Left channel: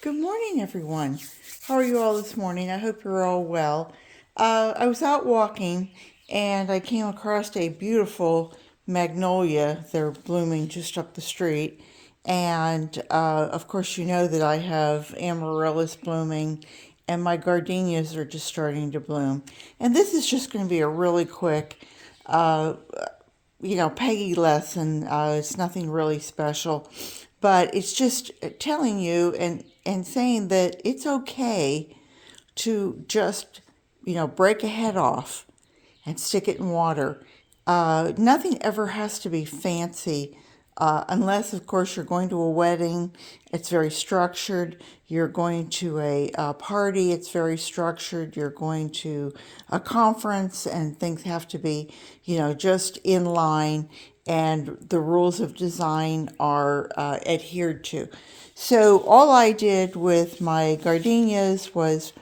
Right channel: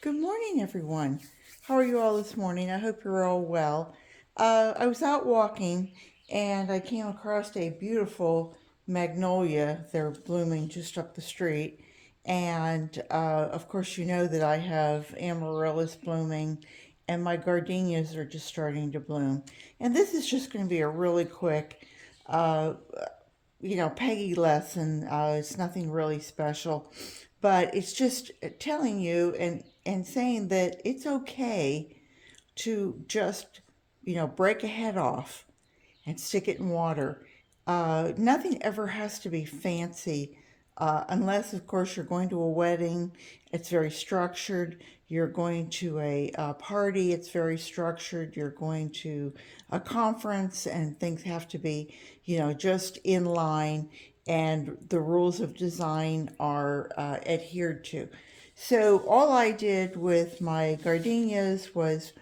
Good morning, everyone. How are you all this morning? I hope you're all well. I was out walking and I came across a beautiful magnolia. They're blooming just up the street. And of course, you know that I have amaryllis blooming and my gardenias are just starting to bloom. And this is just going to be a really quick uh, Peggy lesson. It's nothing really special, but it's just telling you and saying that it's okay to just, break a head off and stick it in water. Nothing ever has to be fancy, unless, of course, you're going to a wedding. It's very structured. You're going to a party. It's very structured. You're going to a conference, and things have to be, just in line, and the rules of design are adhered to. So all I did with my gardenias was,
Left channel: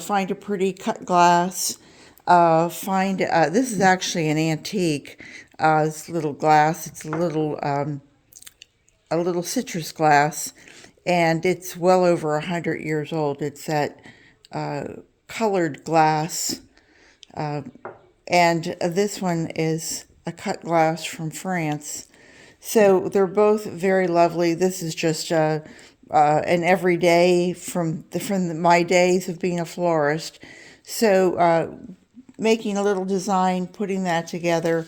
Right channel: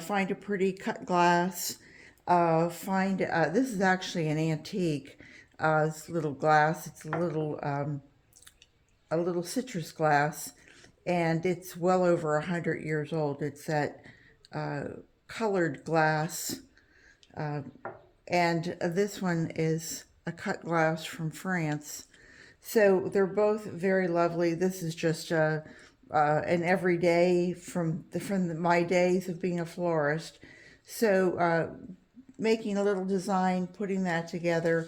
find a pretty cut glass. Find This is actually an antique. This little glass. It's a little citrus glass, and it's well over 100 years old. It's that uh, colored glass, and this one is a cut glass from France. So they're both very lovely. This is just an everyday from my days of being a florist. So making a little design, putting that together.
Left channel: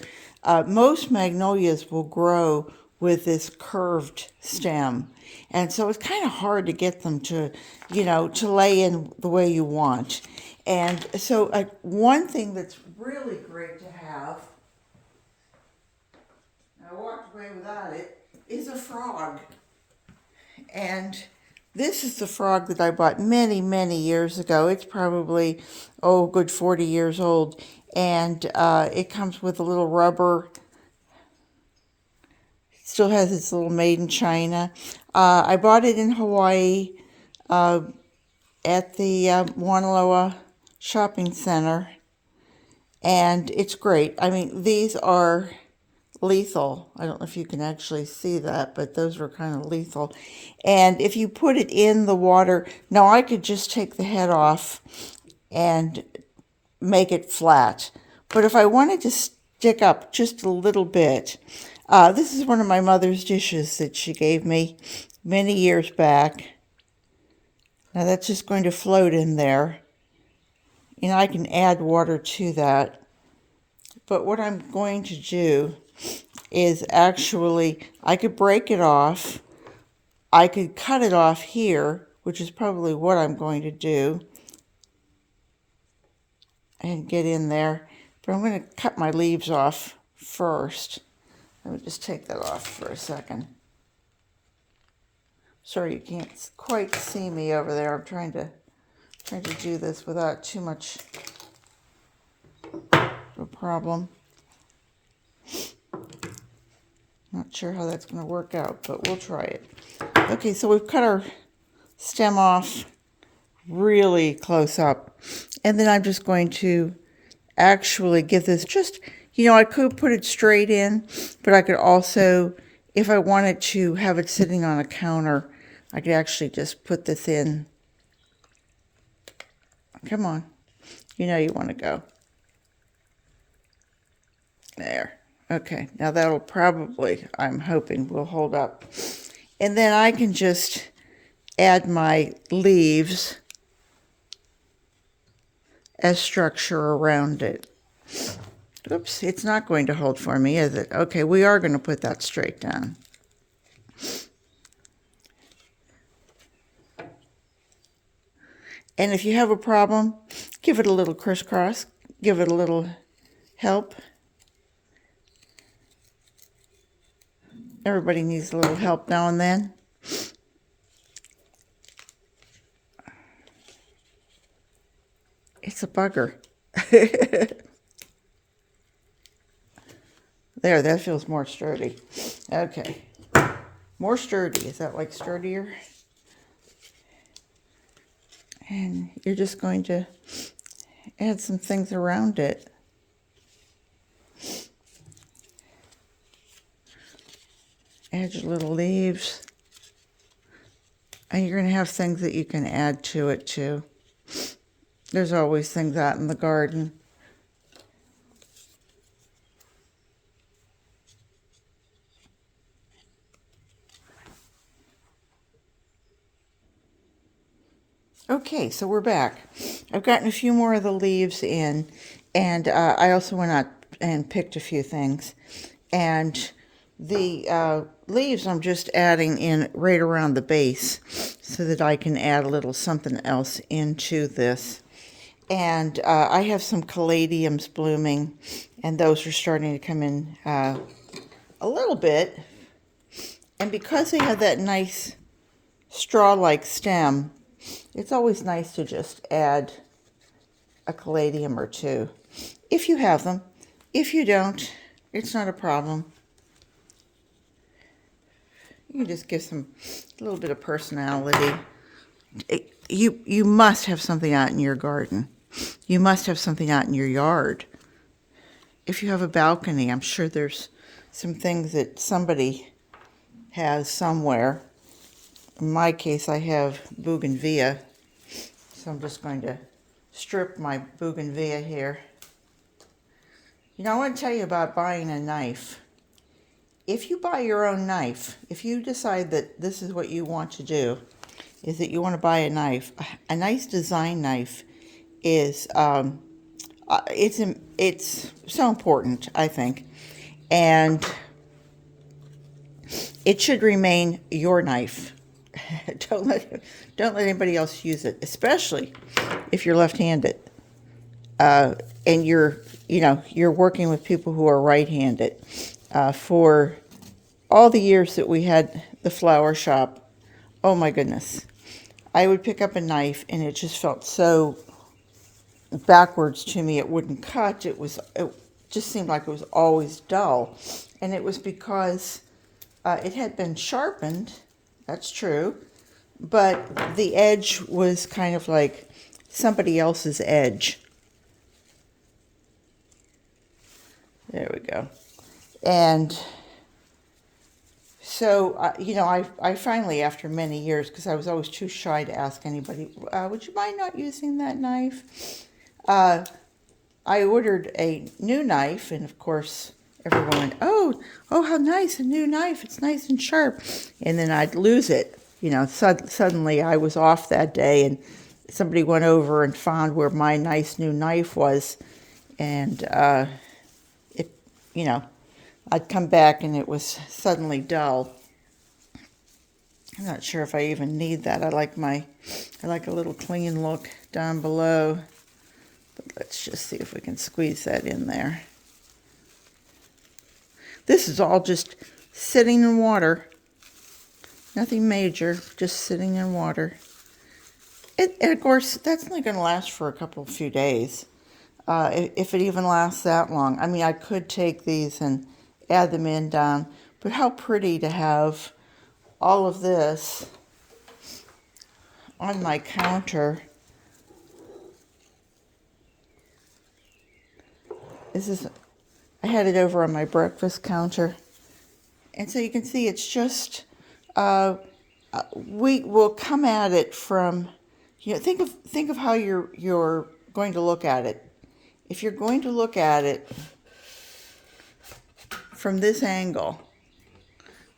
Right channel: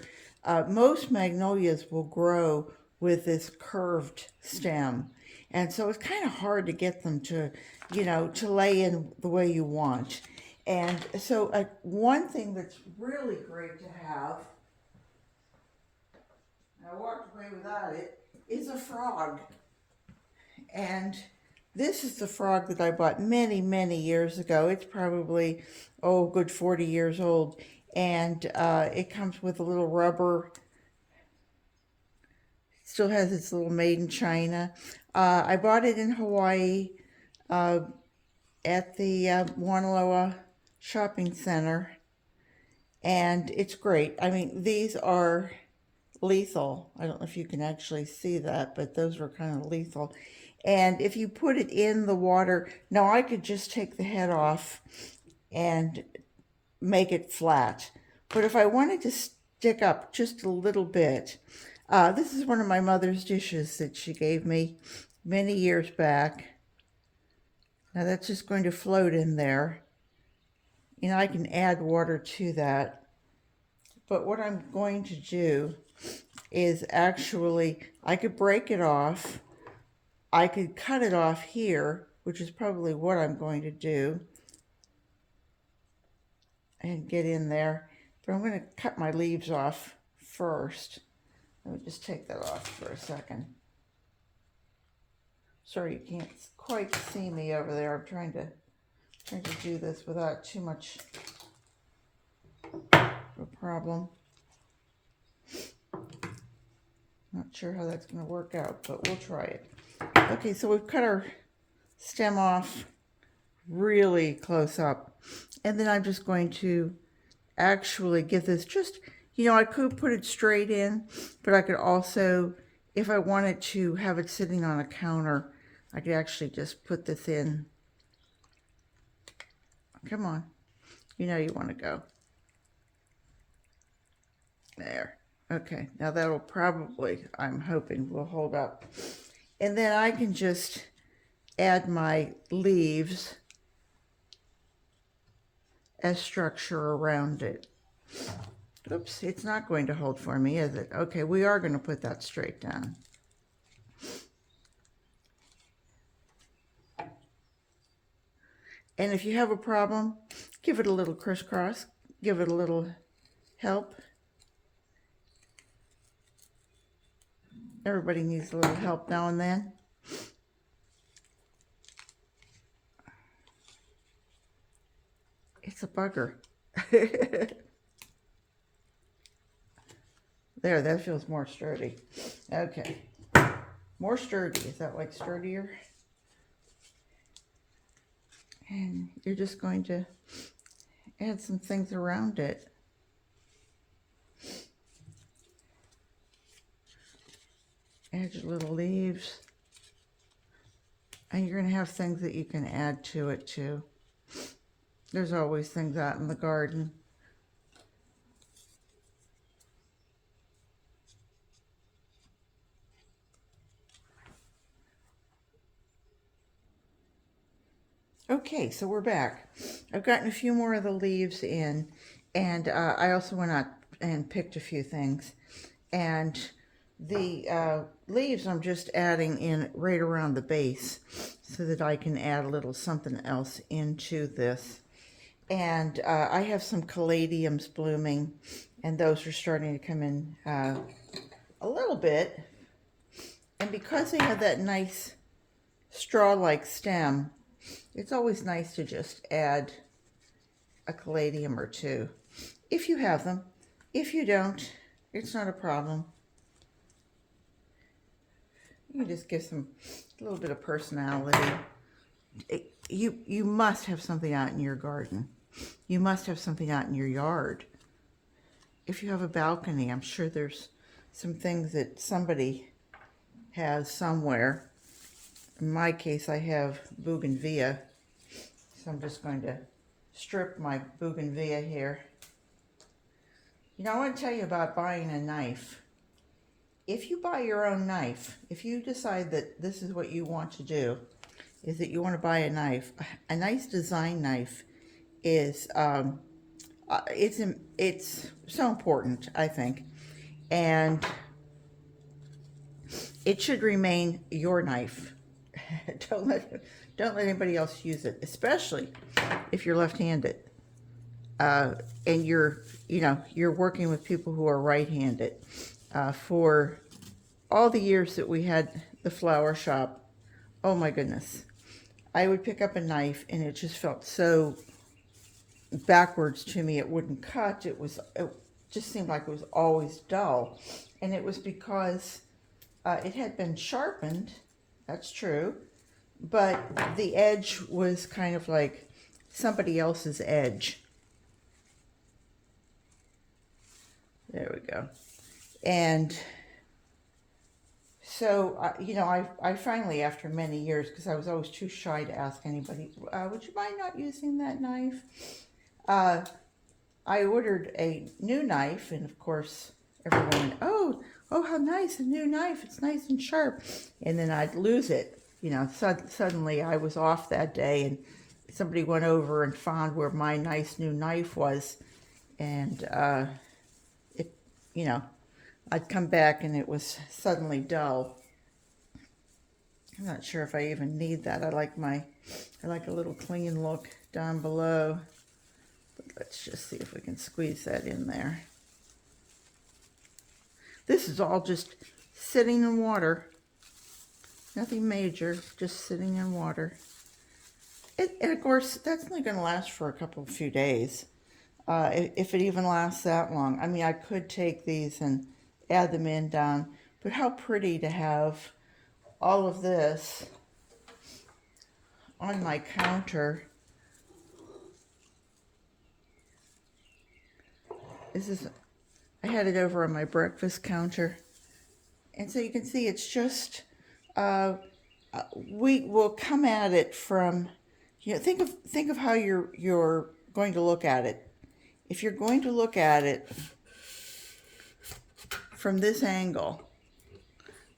Most magnolias will grow with this curved stem, and so it's kind of hard to get them to, to lay in the way you want. And so one thing that's really great to have, and I walked away without it, is a frog. And this is the frog that I bought many, many years ago. It's probably, oh, good 40 years old. And it comes with a little rubber, still has its little made in China. I bought it in Hawaii at the Wanaloa Shopping Center. And it's great. I mean, these are lethal. I don't know if you can actually see that, but those are kind of lethal. And if you put it in the water, now I could just take the head off and make it flat. But if I wanted to stick up just a little bit, this is one of my mother's dishes that she gave me many years back. Now that's just going to float in there. I can add water to that. But what I'm going to do is actually, I could break it off. I could cut it off here, which is probably what I'm going to do, and get in there. But I'm going to cut my leaves off first. Let me just take that off for a second. Sorry you can't quite see me over there. I'm trying to do this without too much of a problem. Not sure how that's going to work out, but we'll try it. Okay, so we've cut our stem off really close up. And then I'm just going to actually give this just, I could put it straight in, but I could also, if I wanted to have it sitting on a counter, I could actually just put this in. Come on. You know you want to go. There. Okay, now that'll probably, I'm hoping, will hold up. And then I can just add my leaves as structure around it. Oops, it's not going to hold for me, is it? Okay, we are going to put that straight down. And if you have a problem, give it a little crisscross, give it a little help. Everybody needs a little help now and then. It's a bugger. There, that feels more sturdy. Okay. More sturdy. Is that like sturdier? And you're just going to add some things around it. Add your little leaves. And you're going to have things that you can add to it too. There's always things out in the garden. Okay, so we're back. I've gotten a few more of the leaves in, and I also went out and picked a few things. And the leaves I'm just adding in right around the base so that I can add a little something else into this. And I have some caladiums blooming, and those are starting to come in a little bit. And because they have that nice straw-like stem, it's always nice to just add a caladium or two, if you have them. If you don't, it's not a problem. You can just give some a little bit of personality. You must have something out in your garden. You must have something out in your yard. If you have a balcony, I'm sure there's some things that somebody has somewhere. In my case, I have bougainvillea, so I'm just going to strip my bougainvillea here. You know, I want to tell you about buying a knife. If you buy your own knife, if you decide that this is what you want to do, is that you want to buy a knife, a nice design knife is, it's so important, I think. And it should remain your knife. Don't let anybody else use it, especially if you're left-handed. And you're working with people who are right-handed. For all the years that we had the flower shop, oh my goodness, I would pick up a knife and it just felt so backwards to me. It wouldn't cut. It just seemed like it was always dull. And it was because it had been sharpened, that's true, but the edge was kind of like somebody else's edge. There we go. And so, I finally, after many years, because I was always too shy to ask anybody, would you mind not using that knife? I ordered a new knife, and of course, everyone went, oh, how nice, a new knife. It's nice and sharp. And then I'd lose it. Suddenly I was off that day, and somebody went over and found where my nice new knife was. And, I'd come back and it was suddenly dull. I'm not sure if I even need that. I like a little clean look down below. But let's just see if we can squeeze that in there. This is all just sitting in water. Nothing major, just sitting in water. And of course, that's only going to last for a few days. If it even lasts that long. I mean, I could take these and add them in down, but how pretty to have all of this on my counter. I had it over on my breakfast counter. And so you can see it's just, we will come at it from, think of how you're going to look at it. If you're going to look at it from this angle,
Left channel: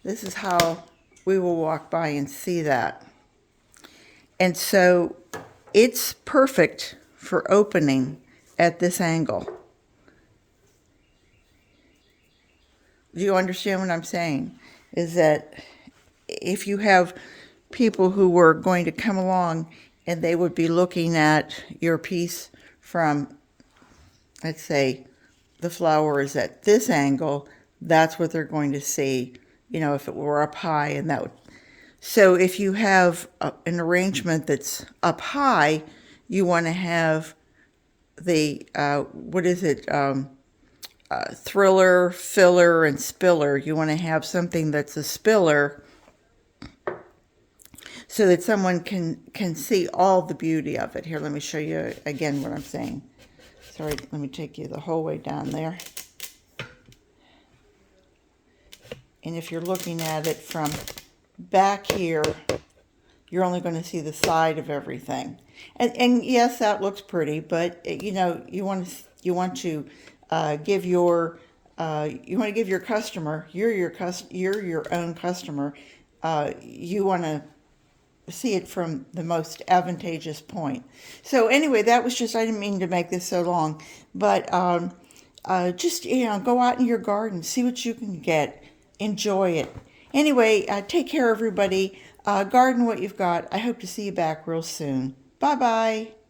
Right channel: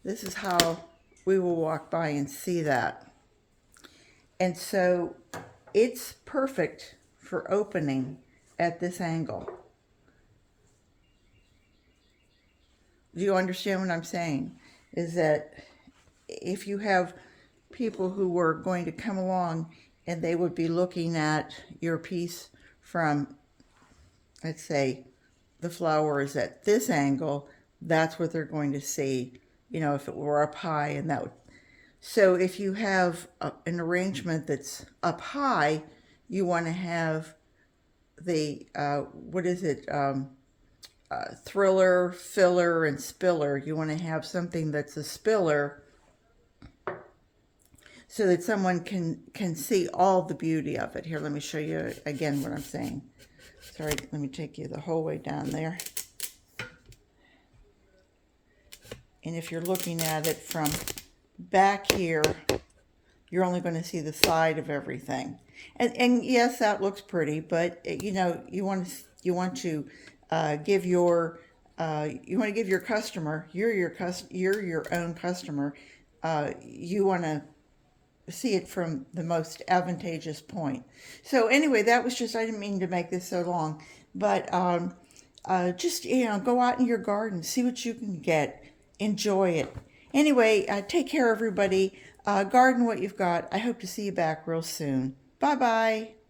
this is how we will walk by and see that. And so it's perfect for opening at this angle. Do you understand what I'm saying? Is that if you have people who were going to come along and they would be looking at your piece from, let's say, the flower is at this angle, that's what they're going to see, if it were up high. And so if you have an arrangement that's up high, you want to have the, thriller, filler, and spiller. You want to have something that's a spiller so that someone can see all the beauty of it. Here, let me show you again what I'm saying. Sorry, let me take you the whole way down there. And if you're looking at it from back here, you're only going to see the side of everything. And yes, that looks pretty, but you know, give your you want to give your customer, you're your own customer. You want to see it from the most advantageous point. So anyway, that was just, I didn't mean to make this so long, but just, you know, go out in your garden, see what you can get, enjoy it. Anyway, take care, everybody. Garden what you've got. I hope to see you back real soon. Bye bye.